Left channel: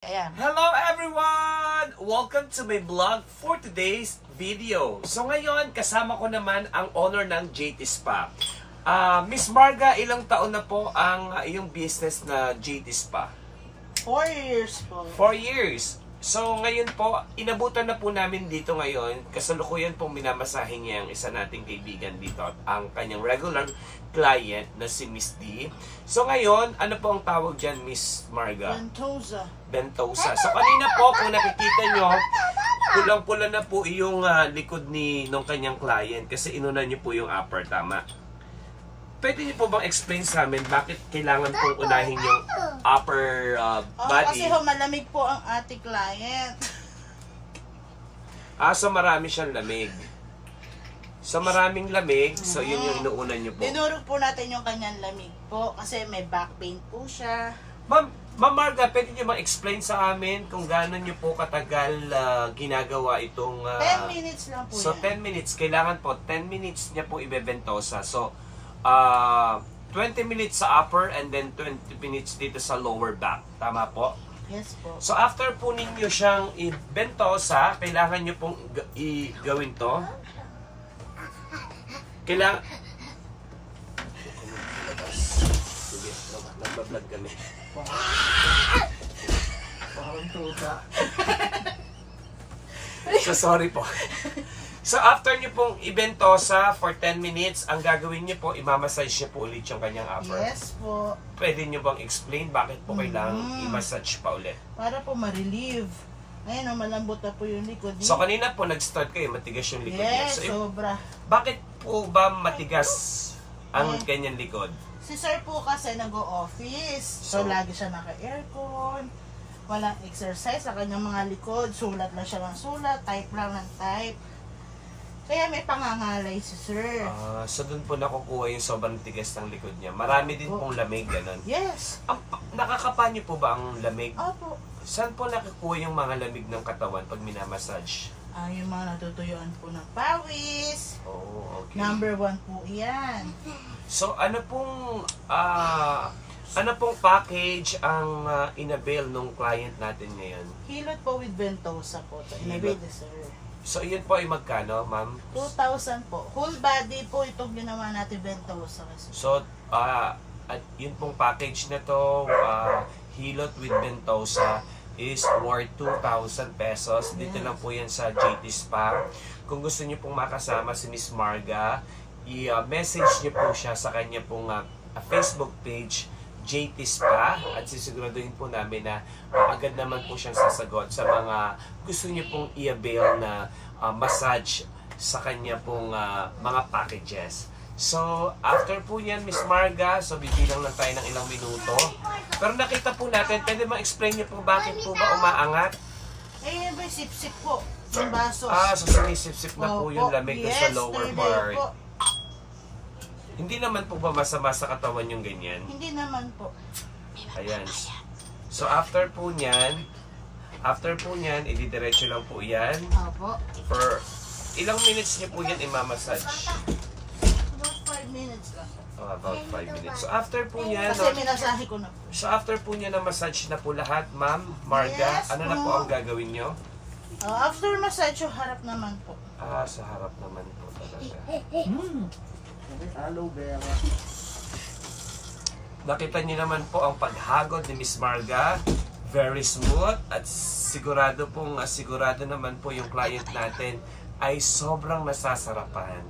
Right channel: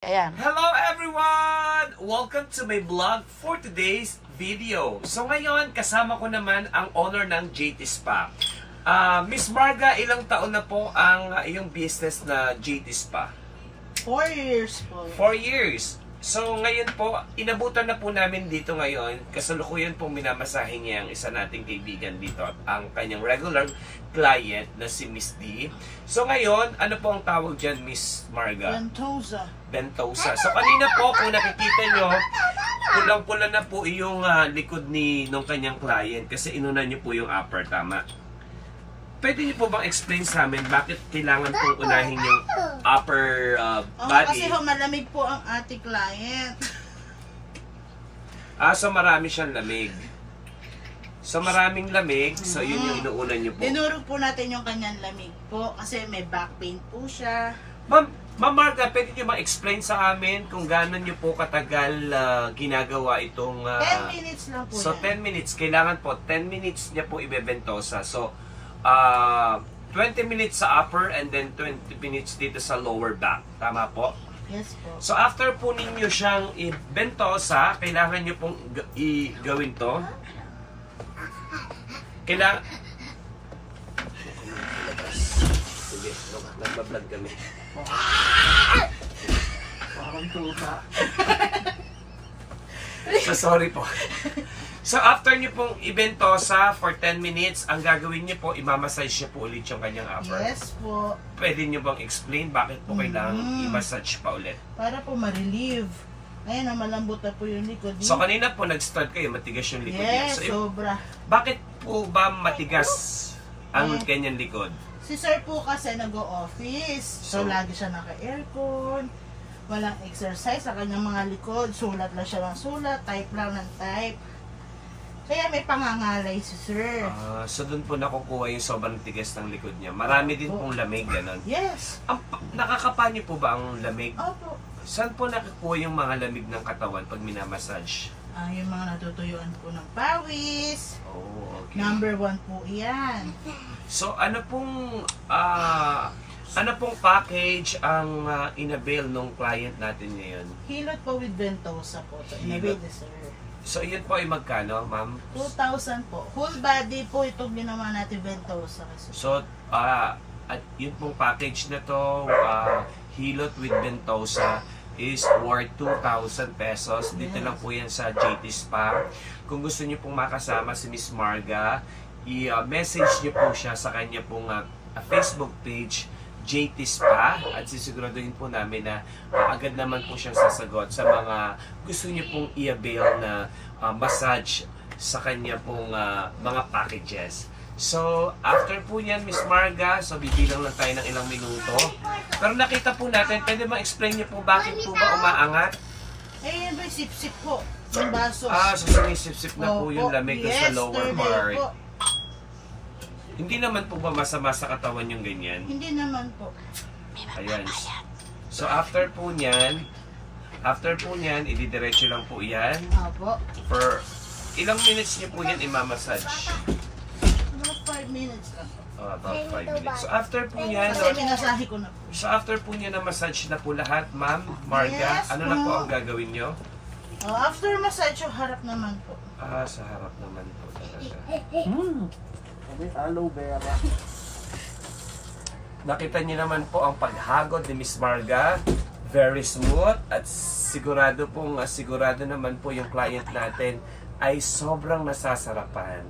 Ayan. Hello everyone! Welcome to my vlog for today's video. So ngayon, kasama ko naman ang owner ng JT Spa. Miss Marga, ilang taon na po ang iyong business na JT Spa? 4 years po. 4 years. So ngayon po, inabutan na po namin dito ngayon. Kasalukuyan pong minamasahe niya ang isa nating kaibigan dito. Ang kanyang regular client na si Miss D. So ngayon, ano po ang tawag dyan, Miss Marga? Bentosa. Bentosa. So kanina po, kung nakikita nyo, pulang-pula na po yung likod nung kanyang client kasi inunan nyo po yung upper, tama? Pwede niyo po bang explain sa amin bakit kailangan pong unahin yung upper body? Kasi malamig po ang ating client. So marami siyang lamig. So maraming lamig, so yun yung inuunan niyo po. Dinurog po natin yung kanyang lamig po kasi may back pain po siya. Ma'am Marga, pwede niyo bang explain sa amin kung gaano niyo po katagal ginagawa itong... 10 minutes lang po So yan. 10 minutes, kailangan po 10 minutes niya po ibebentosa. So 20 minutes sa upper and then 20 minutes dito sa lower back. Tama po? Yes po. So after po ninyo siyang ibentosa, kailangan niyo pong gawin to. Kailangan... Sige, nagbablog kami. Parang tuta. So sorry po. So after niyo pong ibentosa for 10 minutes, ang gagawin niyo po, imamassage niyo po ulit yung kanyang upper. Yes po. Pwede niyo bang explain bakit po kailangan i-massage pa ulit? Para po ma-relieve. Ayun, malambot na po yung likod. So kanina po nag-start kayo, matigas yung likod niya. Yes, So, sobra. bakit po ba matigas ang kanyang likod? Si sir po kasi nag-o-office. So lagi siya naka-aircon. Walang exercise sa kanyang mga likod. Sulat lang siya ng sulat. Type lang ng type. Kaya may pangangalay si sir. So doon po nakukuha yung sobrang tigas ng likod niya. Marami din pong lamig, gano'n. Yes. Nakakapa niyo po ba ang lamig? Opo. Saan po nakukuha yung mga lamig ng katawan pag minamassage? Yung mga natutuyuan po ng pawis. Oh, okay. Number 1 po yan. So ano pong package ang inabail nung client natin ngayon? Hilot po with Bentosa po. Inabid sir. So yun po ay magkano, ma'am? 2,000 po. Whole body po itong ginawa natin Bentosa. So at yun pong package na to, Hilot with Bentosa, is worth 2,000 pesos. Dito lang po yan sa JT Spa. Kung gusto niyo pong makasama si Miss Marga, i-message niyo po siya sa kanya pong Facebook page, JT Spa, at sisiguraduhin po namin na agad naman po siyang sasagot sa mga gusto niyo pong i-avail na massage sa kanya pong mga packages. So, after po niyan, Miss Marga, so bibilang lang tayo ng ilang minuto. Pero nakita po natin, pwede ma-explain niyo po bakit po ba umaangat? Yun ba sip-sip po. Yung baso. So sumisip-sip na po yung lamig sa lower part. Po. Hindi naman po ba masama sa katawan yung ganyan? Hindi naman po. Ayan. So after po niyan, ididiretso lang po yan. Opo. For ilang minutes niyo po yan imamassage? About 5 minutes lang po. About 5 minutes. So after po niyan, Kasi pinasahe ko na po. so after po niya na massage na po lahat, ma'am, Marga, Yes, ano na po po. ang gagawin niyo? After massage, yung harap naman po. Sa harap naman po talaga. Aloe vera. Nakita niyo naman po ang paghagod ni Miss Marga. Very smooth at sigurado naman po yung client natin ay sobrang nasasarapan.